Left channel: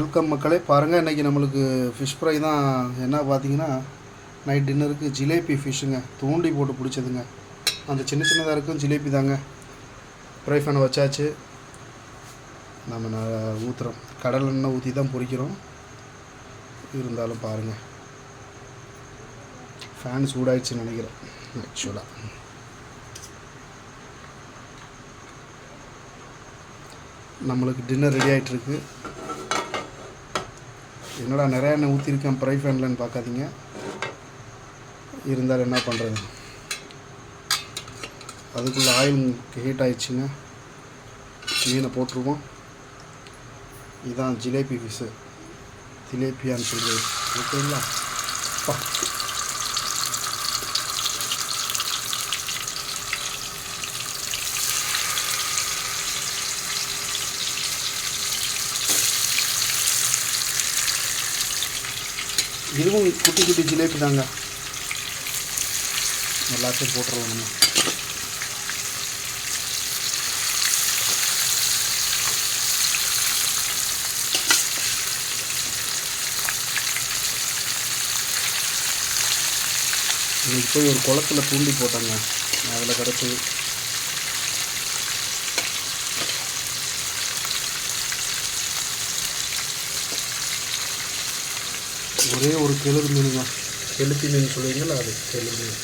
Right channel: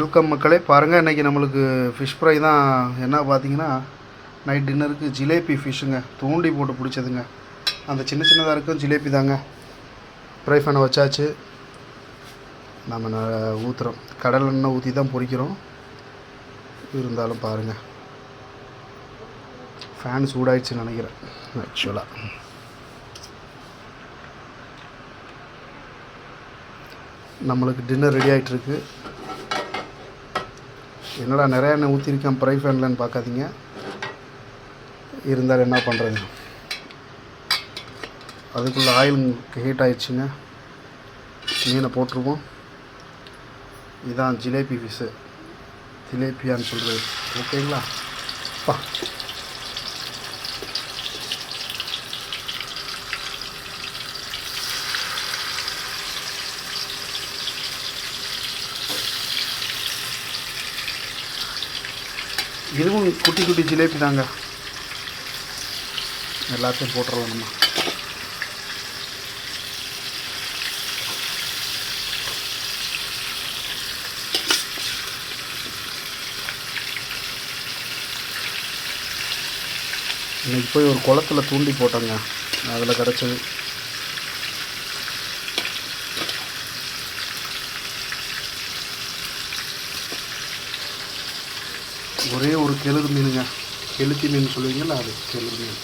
Welcome மக்களே, பாருங்கள் இன்றைக்கி நம்மளுக்கு ஃபிஷ் ஃப்ரை தான். என்ன பார்த்தீங்கன்னா, நைட் டின்னருக்கு ஜிலேபி ஃபிஷ்ஷுங்க, தூண்டி போட்டு பிடிச்சதுங்க. அந்த சின்ன சின்னதாக இருக்கும் ஜிலேபி தாங்க. ஃப்ரை பண்ண வச்சாச்சு. நம்ம ஊற்றுறோம், கடல் எண்ணெய் ஊற்றி தான் பொரிக்கிறோம். இருந்தாலும் பாருங்கள், ஃபேன் சூடாயிடுச்சுன்னு நினைக்கிறேன் ஆக்சுவலாக. நம்மளுக்கு டின்னர் ரெடி ஆகிட்டுருக்கு. என்னடா நிறையா எண்ணெய் ஊற்றிருக்கேன் ஃப்ரை ஃபேன்லன்னு பார்க்காதீங்க, இருந்தாலும் என்ன பண்ணுறது, அதுக்குள்ளே ஆயில் ஹீட் ஆகிடுச்சுங்க. மீனை போட்டுருவோம். இதுதான் ஜிலேபி ஃபிஷ்ஷு, ஜிலேபியான்னு சொல்கிறது, ஓகேங்களா? இதுவும் குட்டி குட்டி ஜிலேபி தாங்க. எல்லாத்தையும் போட்டுடலாம் நம்ம. இன்றைக்கி போய் ஒரு குளத்துல தூண்டி போட்டோங்க, அதில் கிடச்சது. ஒரே ஒரு கெளுரு மீனுங்க, கெளுத்தி மீன் சொல்லுவீங்களா, அது கெளுரு மீன்.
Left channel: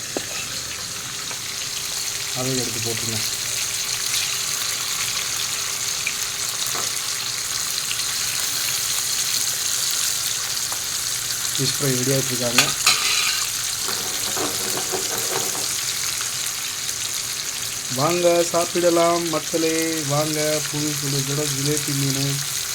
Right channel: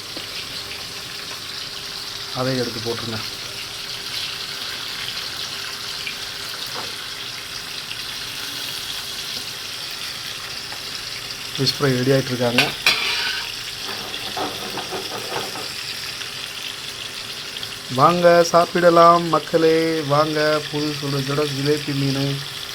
அதை எடுத்து போட்டுருங்க. ஃபிஷ் ஃப்ரை ரெடி ஆகிட்டுருக்காங்க. வாங்க சாப்பிடலாம் மக்களே, வாங்க. புது சுட ஜிலேபி மீன்